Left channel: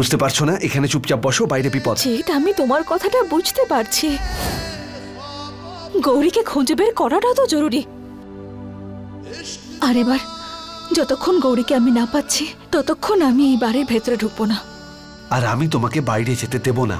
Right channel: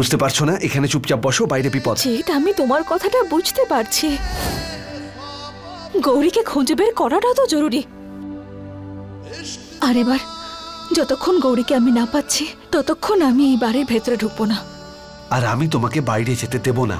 বুঝতে পারছো না? এখানে চুপচাপ বসো, বাইরে বিপদ। জিৎ, আমি তোমার কথাটা বুঝতে পারছি। গৌরীকে খুঁজে বের করাটাও তো জরুরি। আর এবার যতক্ষণ গৌরীকে আমি না পাচ্ছি ততক্ষণ আমি এই বাড়ির ভেতরে ঢুকবো না। আর আমি তোমাকে বাইরে যেতে দেব না।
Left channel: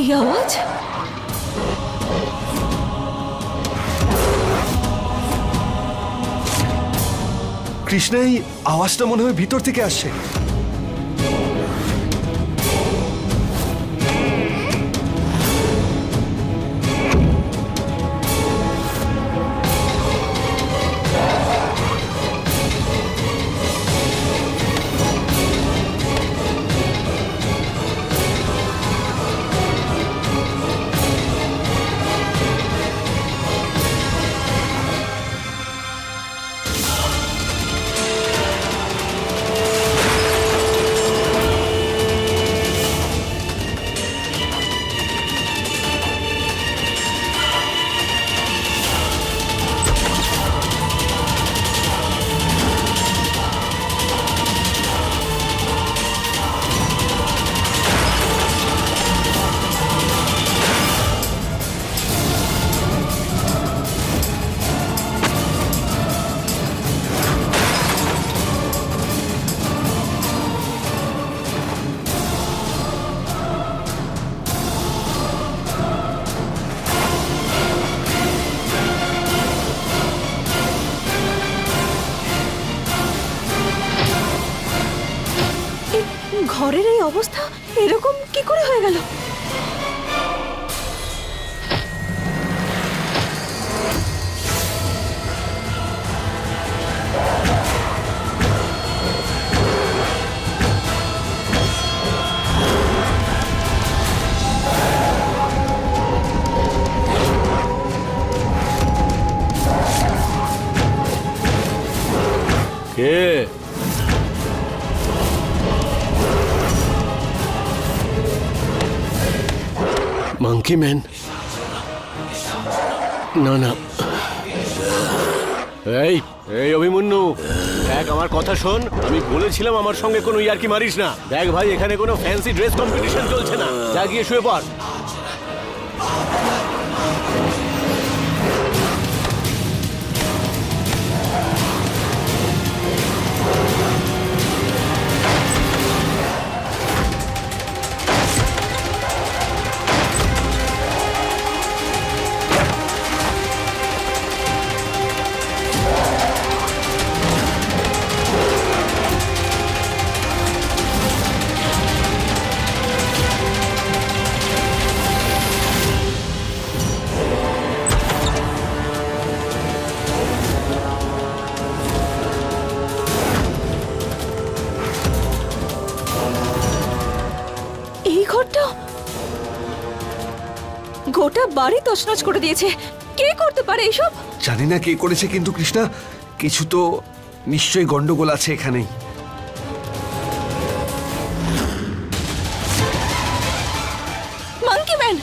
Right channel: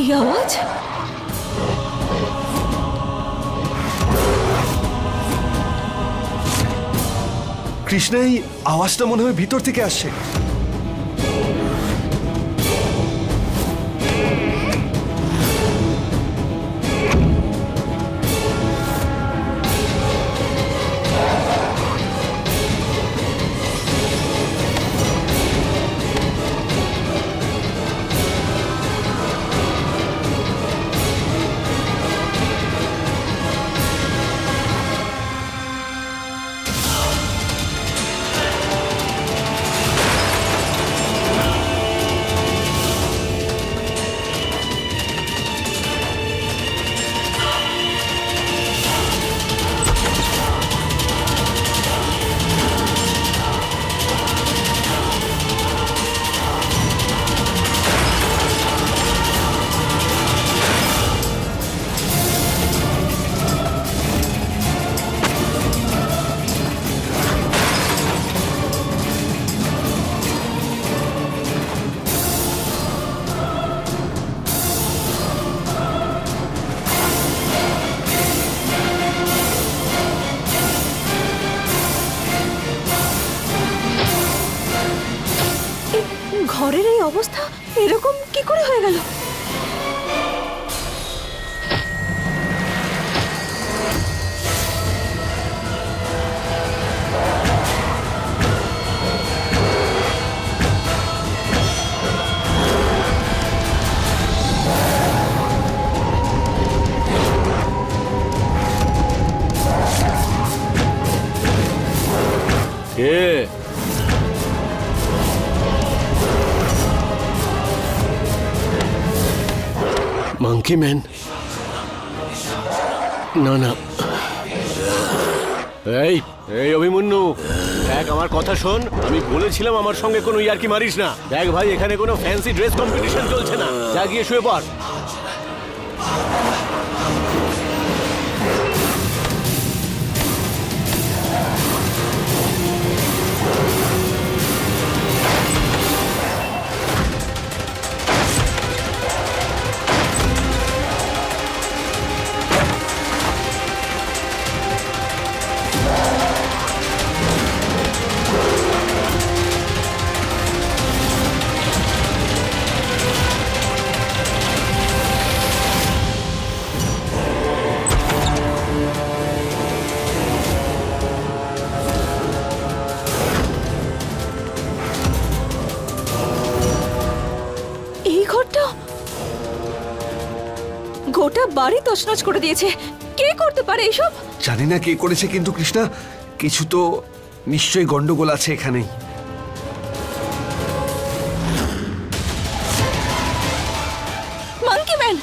এই আওয়াজ? কৃষ্ণা, এই আওয়াজটা মনে হয় ভিতর থেকে আসছে। ঘরের এই অবস্থা এরকম কি করে হয়ে গেল? কে? Monkey man? না না, এই এই অভিমন্যু, দেখ আমার কথা শোন। আমি বলেছিলাম আমার সঙ্গে কোনো ইয়ার্কি মারিস না। দেখ ভাই, এখানে কোনো ফ্যান্সি ড্রেস কম্পিটিশন চলছে না। যা গিয়ে শুয়ে পড়। গোটা বাড়ি তছনছ করে দিয়েছে। কে করতে পারে এইসব? জানি না কে করেছে, কিন্তু কৃষ্ণা, কিছু তো নিশ্চয়ই গন্ডগোল আছে এখানেই। Monkey man!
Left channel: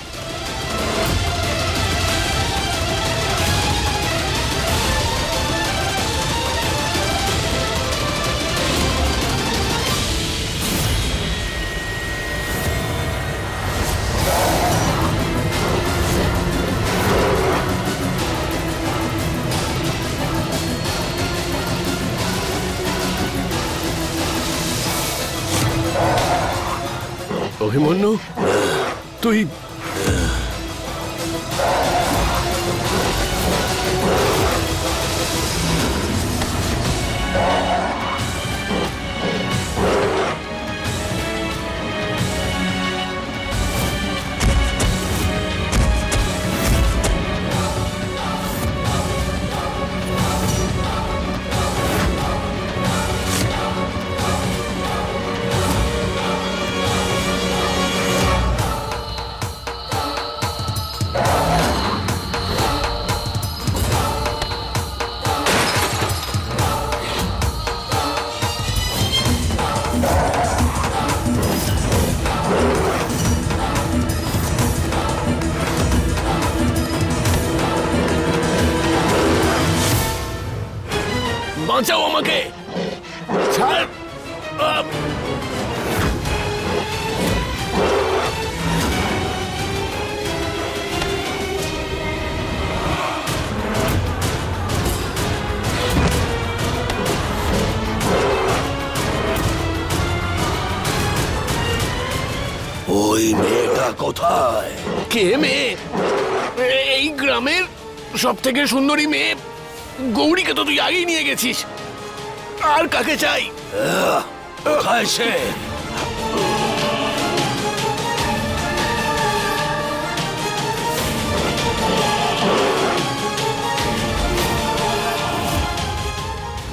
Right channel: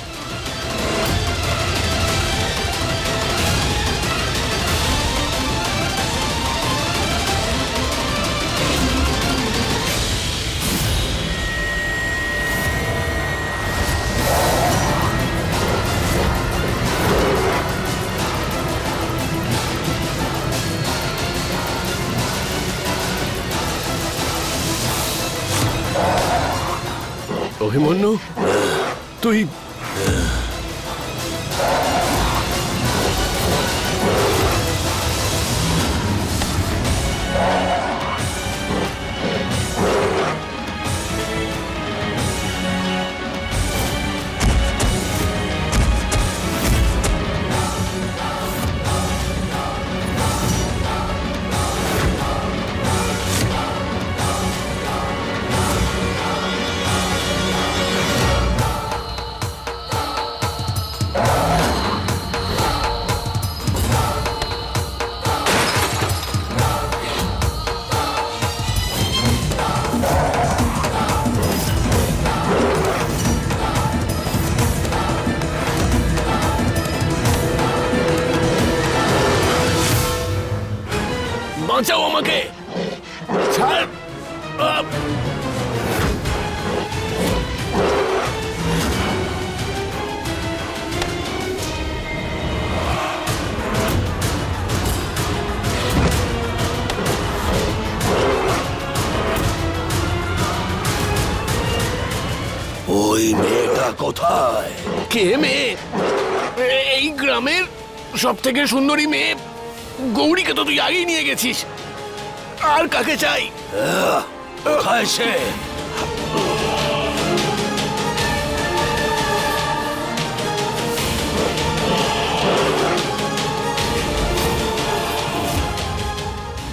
অভিমন্যু, তুই বাঁচাও আমাকে। ছাড়। ওই মেয়েটা কোথায়? কে মেয়ে? এই গ্রামের সব থেকে সুন্দরী মেয়ে গৌরীকে তো তুই আগেই নিয়ে গেছিস। আর কাকে চাই? কোথায় সে?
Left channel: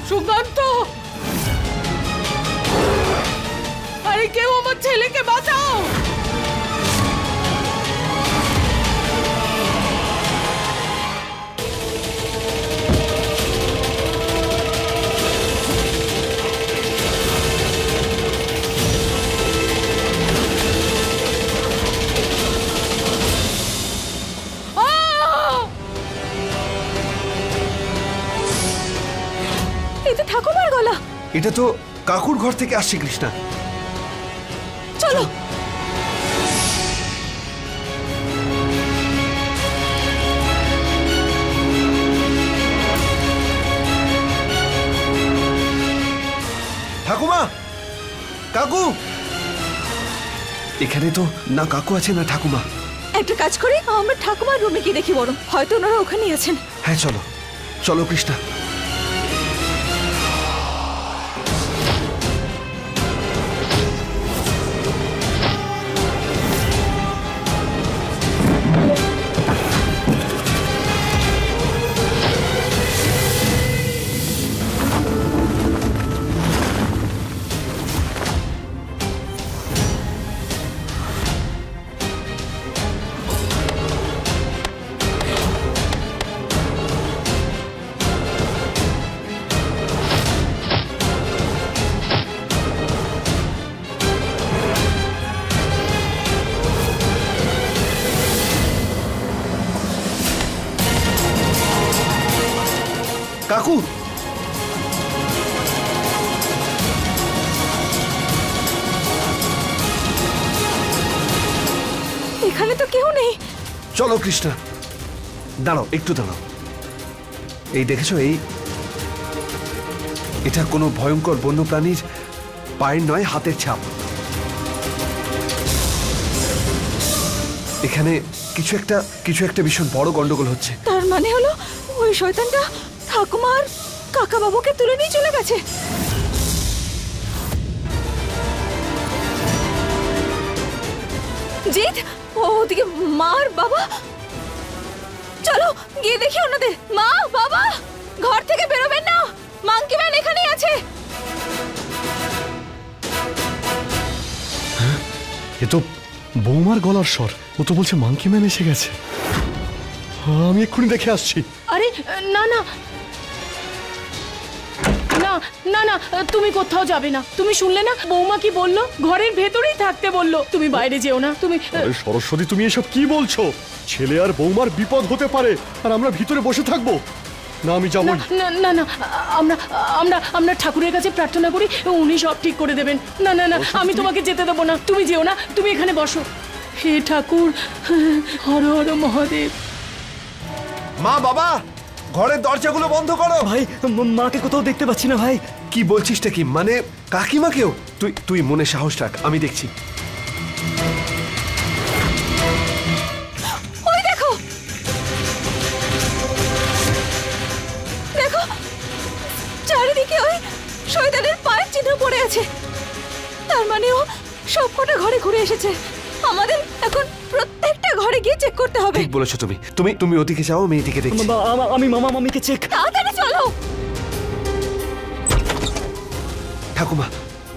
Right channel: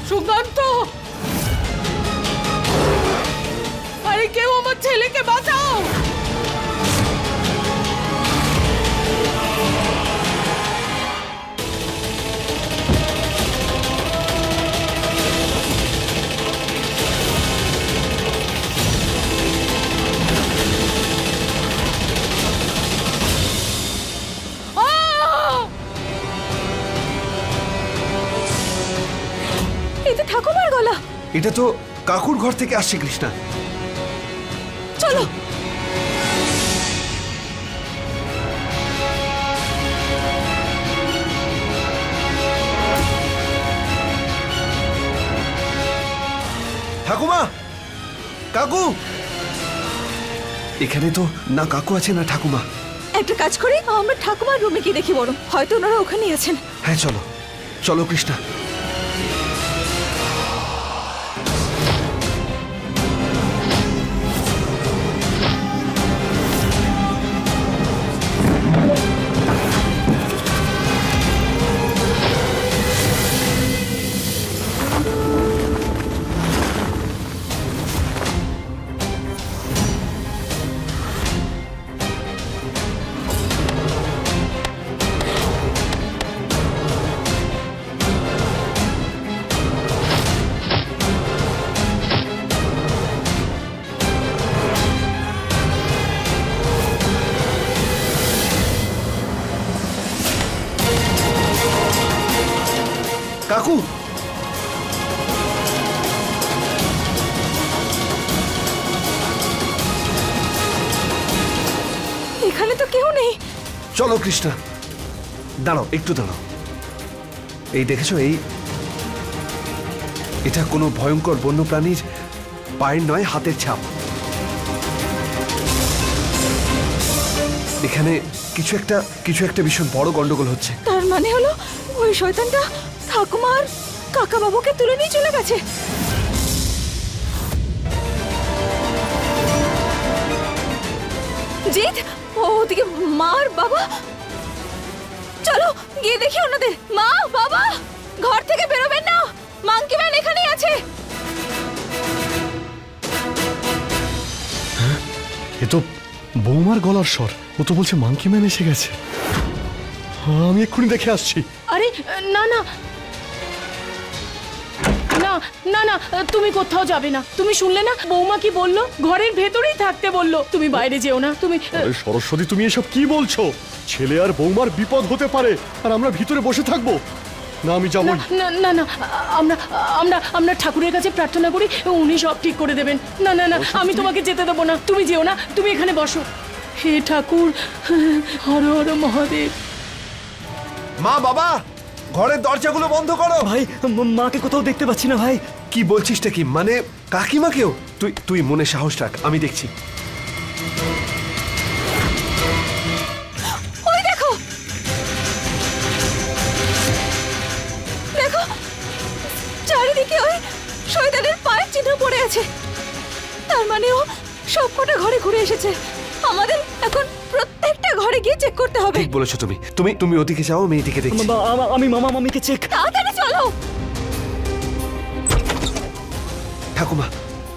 সুকান্ত, আরে কেউ আমার ছেলেকে বাঁচাও। এই তো ঠাকুমার গলা। এটা তো কাকুর ঘর থেকে আসছে কৃষ্ণা। চলো। ঠাকুমা, কাকু। এখানে তো না কাকু আছে না ঠাকুমা। একটা কাজ করি, আমরা ঠাকুমার রুমে গিয়ে দেখি বরং, হয়তো ওনারা ওখানেই আছেন। হ্যাঁ চলো, চলো কৃষ্ণা। কাকু, এখানে তো কেউ নেই। চলো কৃষ্ণা। দাঁড়াও, একটু দাঁড়াও। এই দেখেছো, এটা কোনো ভয়ঙ্কর বন্যপ্রাণীর পায়ের নয়, হাতের ছাপ। এখানে কিছু একটা ভীষণ বড় গন্ডগোল হচ্ছে। তার মানে হলো ওই শয়তানটা ঠাকুমার কাকা বাবুকে তুলে নিয়ে চলে গেছে। জিৎ, ওদিকে মা আর বাবা। চলো গিয়ে দেখি ওনাদের। মা, বাবা, ঘর থেকে বেরোবেন না, মাঙ্কি ম্যান এখানেই আছে। এ তো বৌমার গলার স্বর। ও তো বলছে মাঙ্কি ম্যান এসে গেছে। আমি এক্ষুনি দেখে আসছি। আরে না না না না না, তুমি কোথাও যাবে না। তুমি শুনলে না বৌমা কি বললো? ঘরের ভেতরেই থাকতে বললো, তুমি বাইরে যেও না। তুমি আরে সরস্বতী, তুমি এসব কি বলছো? ছেলে আর বৌমার বিপদ হতে পারে, আর আমরা ভিতরে বসে থাকবো না? আমি যাবো না না না, আমরা আমরা আমরা ঠাকুরের কাছে প্রার্থনা করি, উনি সব ঠিক করে দেবেন। না না না, আমি তোমাকে যেতে দেবো না। তুমি যেও না, তুমি এখানে বসো। হে ঠাকুর, হর হর মহাদেব। মা, বাবা, ঘরের দরজাগুলো বন্ধ করো। ভাই, মাকে কোথাও দেখতে পাচ্ছি না ভাই। কি বলছিসটা কি? মানে কাকিমাকেও? তুই মনে সাহস রাখ, আমি দেখছি। ওই দেখো, দেখো চারিদিকে ওই শয়তানের পায়ের চিহ্ন পড়ে আছে। তার মানে ও সবকটা ঘরে ঘুরে এসেছে। আমাদের এখন প্রত্যেকটা ঘরে গিয়ে চেক করতে হবে। ঠিক বলেছো তুমি। তুমি ওদিকে যাও, আমি এদিকে দেখছি। আমি মামা মামিকে চেক। তাড়াতাড়ি চলো। ঠাকুমা,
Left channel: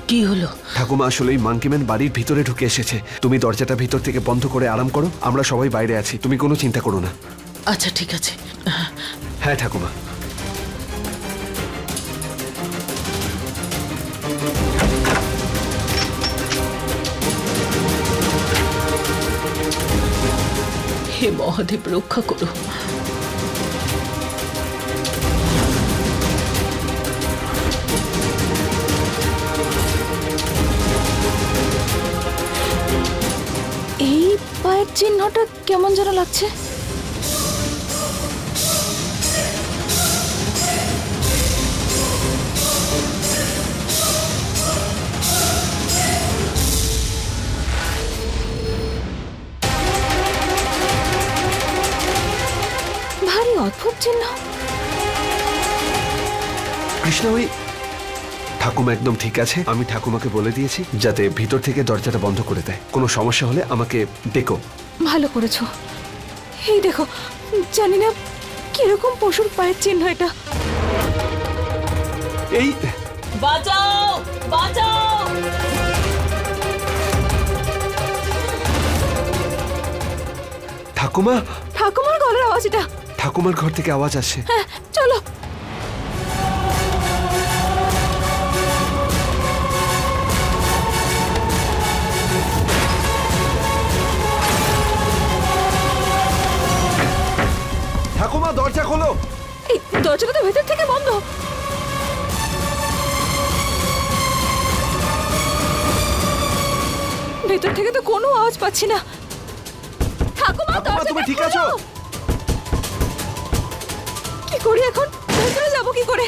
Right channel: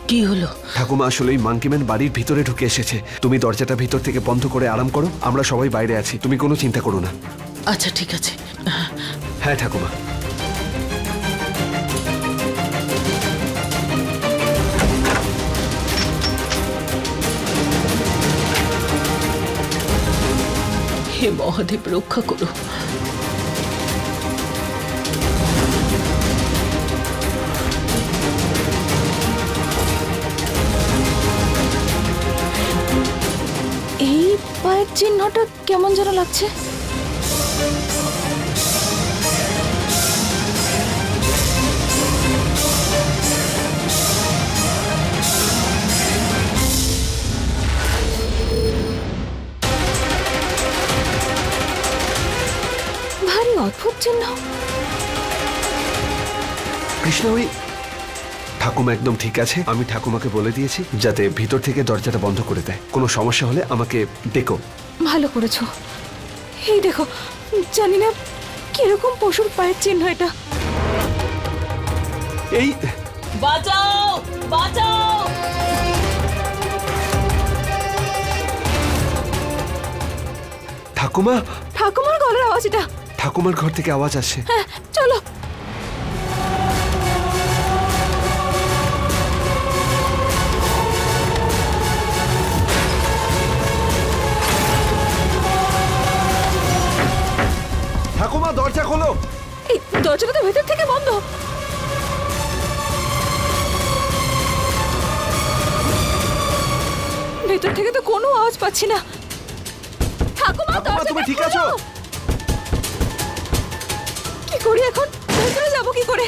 কি হলো? ঠাকুমা আসলে মাঙ্কিম্যান বাড়ির ভিতরে ঢুকে এসেছে। তুমি দরজাটা ভিতর থেকে বন্ধ করে আরাম করো, আমরা সবাই বাইরে আছি। তুমি কোনো চিন্তা করো না। আচ্ছা ঠিক আছে। হ্যাঁ ঠাকুমা। হে মহাদেব, রক্ষা করো। চিহ্নটা কেমন যেন লাগছে। ভারী অদ্ভুত চিহ্ন। কৃষ্ণা, ওই ঠাকুমা একদম ঠিক আছে। আমি ঠাকুমাকে বলে দিয়েছি যাতে ভিতর থেকে দরজাটা বন্ধ করে দেয়। কোনো সমস্যা হলে আমাকে ডেকো। ভালো করেছো। এই দেখো, জানি না কিরকম পশুর পায়ের চিহ্ন এটা। এই বাঁচাও, বাঁচাও! ঠাকুমা, ঠাকুমার গলার আওয়াজ এটা। ঠাকুমার ঘর থেকে আওয়াজ আসছে। হ্যাঁ, চলো। ঠাকুমা, দরজা খোলো। এই দরজাটা তো ভেতর থেকে বন্ধ। ভেতর থেকে তো কোনো আওয়াজ পাচ্ছি না। ঠাকুমা, ঠাকুমা, তুমি ঠিক আছো? কি করি এখন? ভেতরে যাবো কি করে?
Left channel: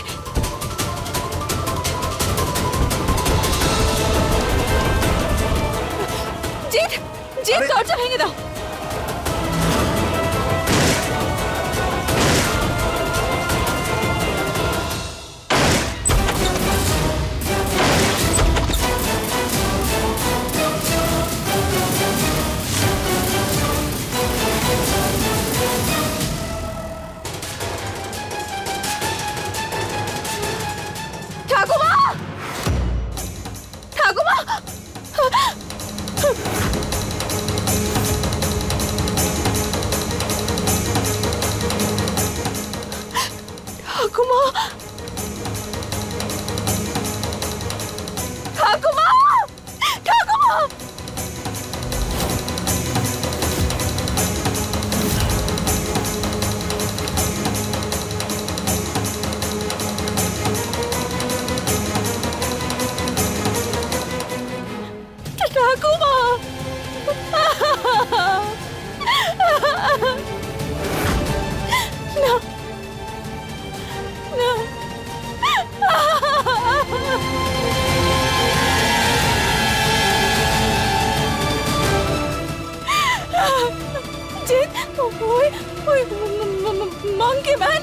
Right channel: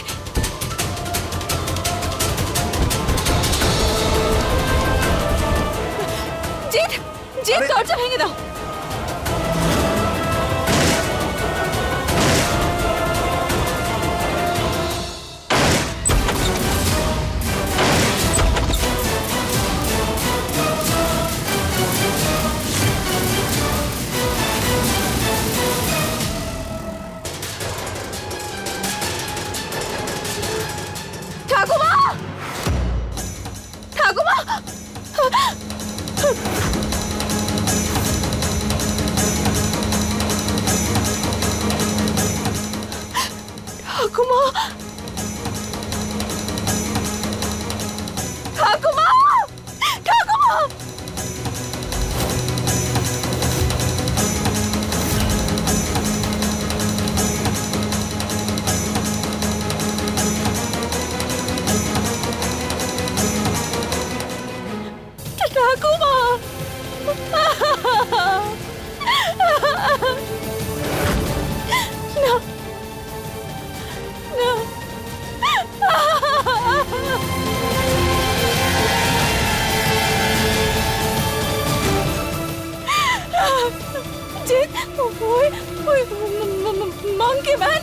জিৎ, জিৎ, দরজা ভেঙে দাও। ঠাকুমা, ঠাকুমা, ঠাকুমা, ঠাকুমা, ঠাকুমা। ঠাকুমা, না, না। জিৎ, ওই ওই মাঙ্কি ম্যান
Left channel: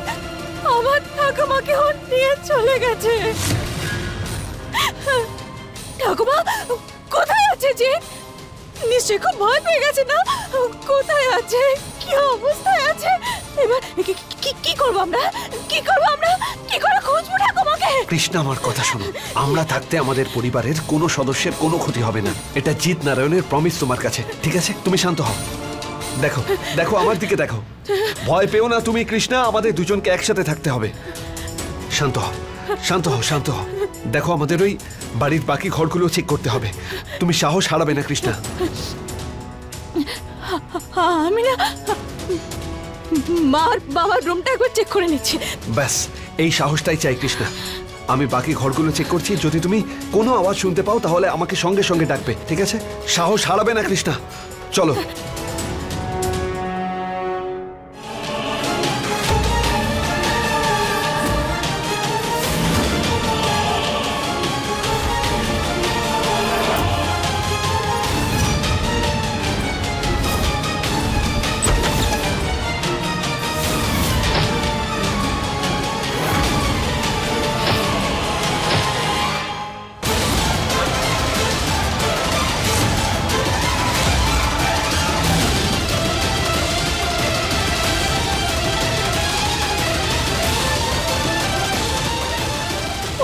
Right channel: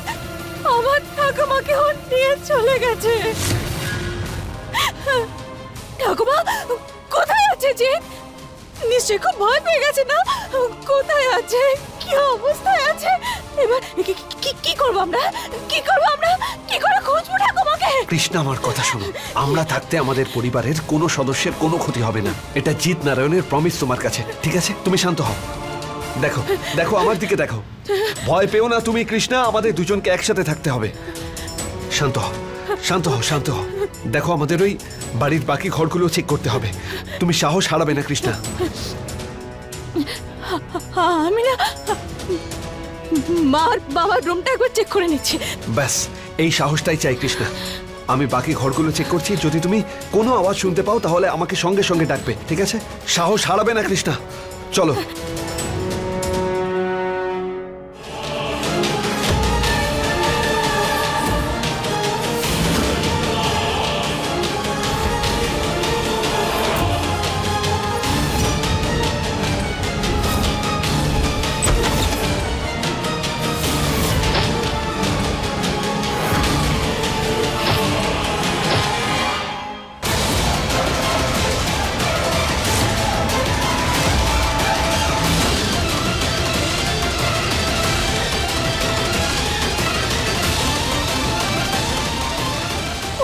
আমার ঠাকুমাকে নিয়ে চলে গেছে। ঠাকুমা কোথায় আছে জিৎ? নিশ্চয়ই খুব ভয় পেয়ে গেছে না? কোথায় আছে? কি অবস্থায় আছে? এবার কি করবো আমরা? কি করবো আমরা? কি করে খুঁজবো ঠাকুমাকে? কৃষ্ণা, আমার কথা শোনো। আমরা থাকতে আমাদের পরিবারের কোনো সদস্যের কোনো ক্ষতি হবে না। এটা জিৎ নারায়ণের প্রমিস তোমার কাছে, ঠিক আছে? তুমি শান্ত হও। দেখো, দেখো, আমার দিকে দেখো। ভয় পেও না তুমি কৃষ্ণা। আমাদের দুজনকে একসাথে থাকতে হবে। শান্ত হও, শান্ত হও, শান্ত হও। দেখো, আমাদের ওই বাড়ির বাকি ঘরগুলো চেক করতে হবে। তুমি সাহস হারাবে না কৃষ্ণা। আমি না মার বাবার রুমটা একবার চেক করে নিচ্ছি। ব্যাস, এই সাহসটাই চাই কৃষ্ণা। আমি বাকি ঘরগুলো চেক করছি। যদি তুমি কোনো আওয়াজ শুনতে পাও তাহলে আমাকে সঙ্গে সঙ্গে ডাকবে, ঠিক আছে? সাহস হারাবে না কৃষ্ণা। চলো।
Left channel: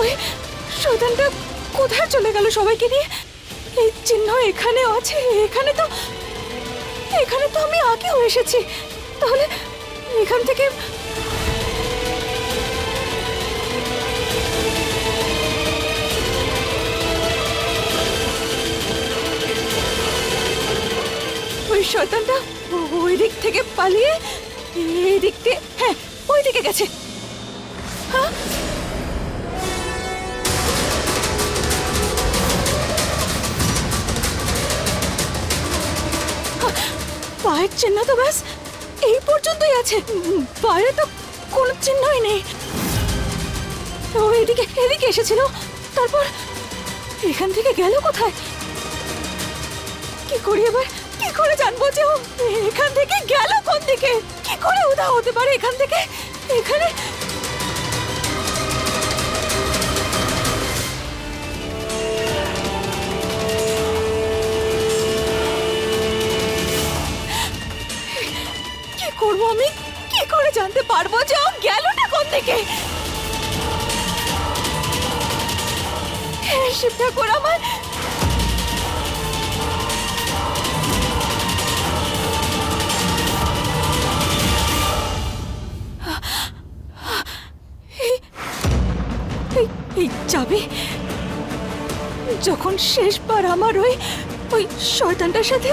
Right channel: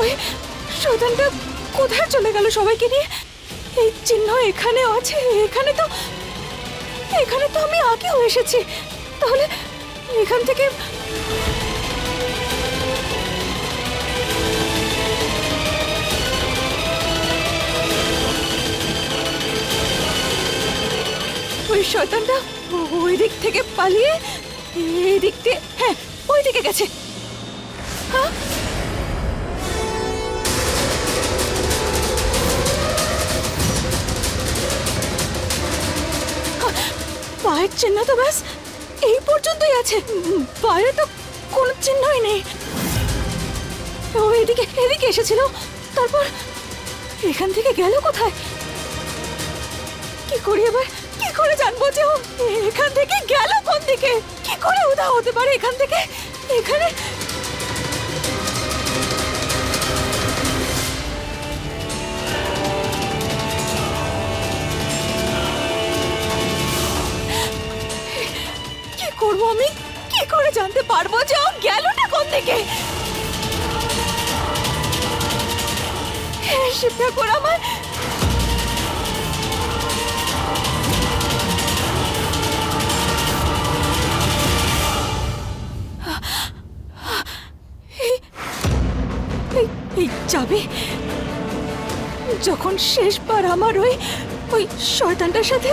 ওই শয়তানটা কোথায় চলে গেল সবাইকে নিয়ে? এই চিহ্ন এখানেও আছে। এখানে তো আমি আগেও এসেছি। তাহলে এখান থেকে ওই শয়তানটা ওই দিক থেকে পালিয়ে এই দিক দিয়ে, হ্যাঁ, ওই দিকে গেছে। হ্যাঁ, পায়ের চিহ্ন তো ব্যাস এই পর্যন্তই আছে, বাইরে তো কোনো চিহ্নই নেই। ও এদিকে এদিকে এসেছিল, তারপর এখান থেকে গেল কোথায়? কি করি এবার? কি করে জানবো যে ও এখান থেকে গেল কোন দিকে? কি করে উধাও হতে পারে এখান থেকে? এখানে কি করবো আমি? কি করে জানতে পারবো যে ও গেলটা কোন দিকে? হে শিব ঠাকুর, আমার এই চাবি যখন শেষবার আমার ওই ওই শয়তানটার সাথে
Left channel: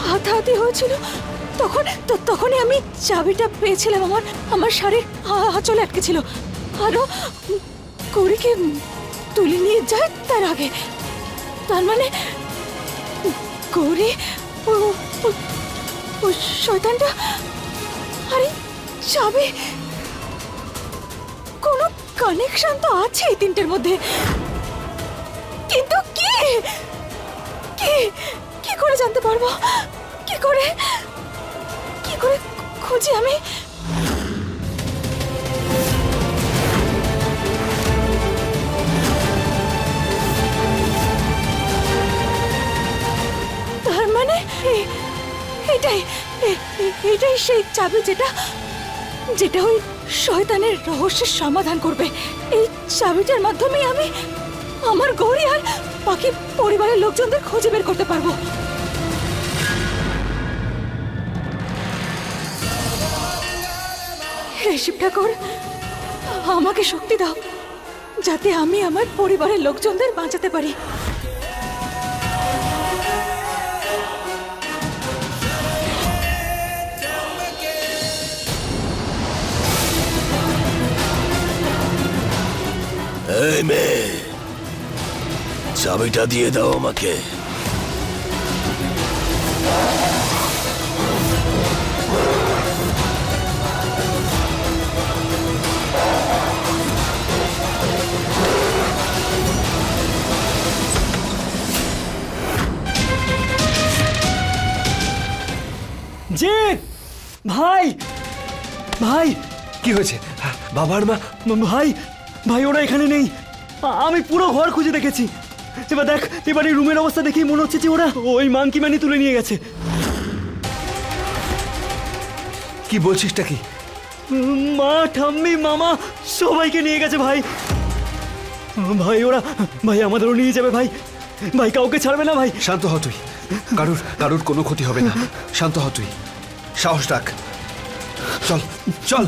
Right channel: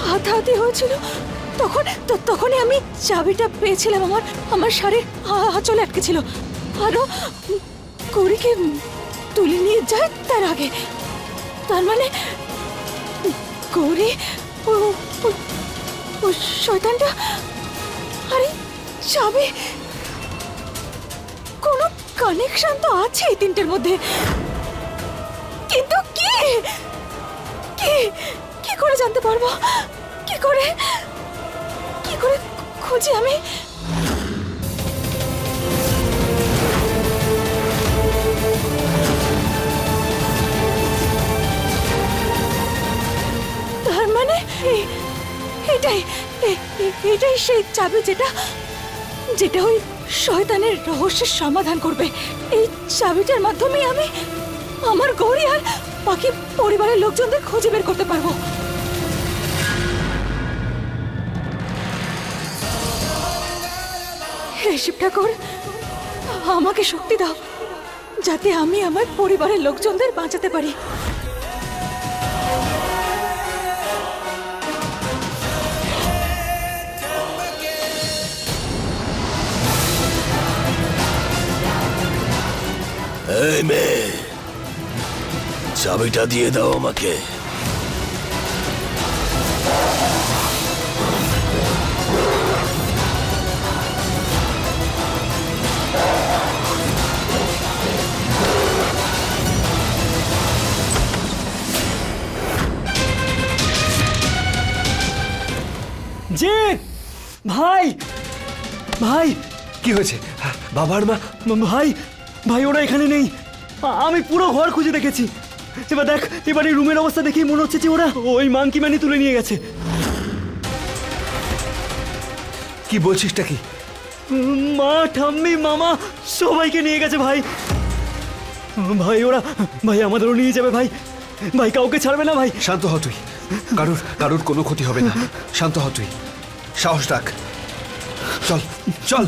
হাতাহাতি হয়েছিল তখনই আমি চাবিটা পেয়েছিলাম। আমার শাড়ির আঁচলে আটকে ছিল, আরো গৌরীকে তুলে নিয়ে যায় তার আগে। তার মানে গৌরী ও শয়তানটা, আরে চাবি, কোনো কানেকশন তো আছে এই তিনটের মধ্যে, কিন্তু কি কি কি করে জানতে পারবো? কি করে খুঁজি আমি? তার মানে এটাই সেই চাবি যেটা ওই শয়তানের রহস্যের সমাধান করবে। এই চাবিটার মাধ্যমে আমি আমার গৌরী আর বাকি পরিবারের লোকজনদের খুঁজে বের করতে পারবো। হে শিব ঠাকুর, আমাকে শক্তি দাও যাতে আমি আমার পরিবারের লোকজনদের বাঁচাতে পারি। এই মেয়ে, চাবিটা দিয়ে দাও আমাকে। জিৎ ভাই, ভাই কি হয়েছে? বাবার মা? ভাই ভাই ওরা এখানে নেই। আমি পুরো ঘর খুঁজে দেখেছি। এবার দেখ, এবার এই রুমের অবস্থা দেখেই মনে হচ্ছে যে ওরা ওই মাংকি ম্যানি তুলে নিয়ে গেছে। কি বলছিসটা কি? মা, ঠাম্মি, মামা সবাইকে নিয়ে গেছে ভাই। ভাই ওরা, ভাই আমাদেরও নিয়ে যাবে ভাই। ভাই কাউকে ছাড়বে না ভাই। শান্ত হ তুই, কারুর কোনো ক্ষতি হবে না। শান্ত হ তুই, সাহস রাখ। চল চল।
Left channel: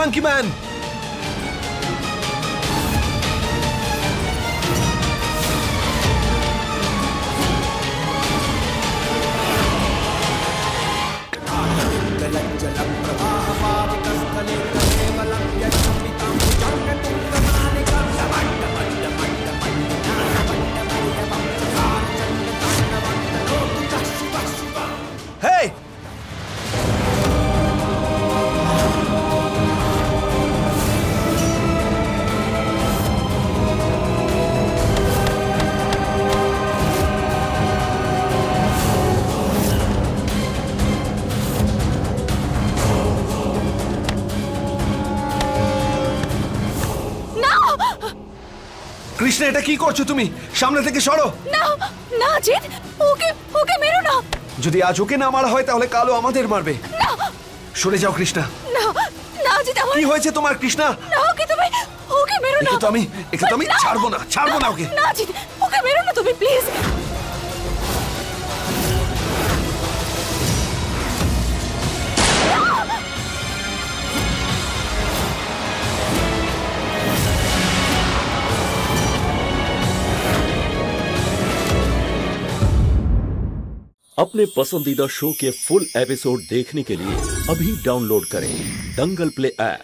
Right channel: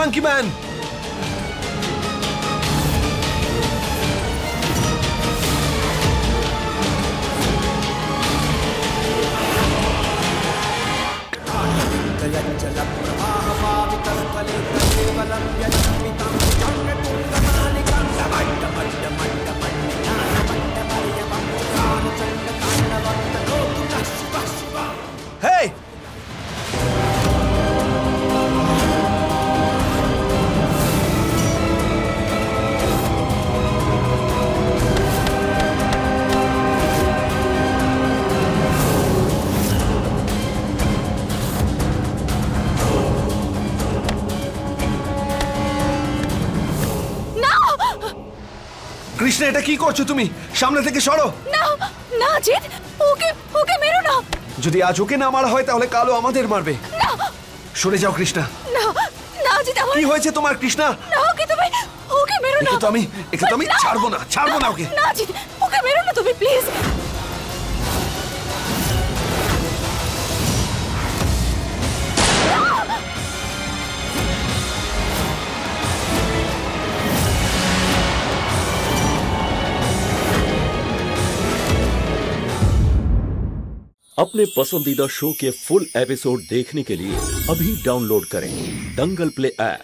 Monkey Man! जलप्रवाहपावितस्थले कलेवलं यदम्बितं भुजङ्गतुङ्गमालिकां डमड्डमड्डमड्डमल्लिज्ञानमड्डमर्यवं चकारचण्डताण्डवं तनोतु नः शिवः शिवः। হেই, কৃষ্ণ এটা কি করছো তুমি? সামনে থেকে সরো। না না জিৎ, ওকে ওকে মেরো না। যদি আজ ওকে না মারা হয় তাহলে কালও আমাদের মারবে। না সরে যাও কৃষ্ণা। না না জিৎ, আমার কি হয়েছে তোমার কৃষ্ণা? না, ওকে মেরো না। একে তো আমি ছাড়বো না ওকে। না জিৎ, ওকে মেরো না তুমি প্লিজ। अपने पसंदीदा शो के फुल एपिसोड देखने के लिए अभी डाउनलोड करें दंगल प्ले ऐप।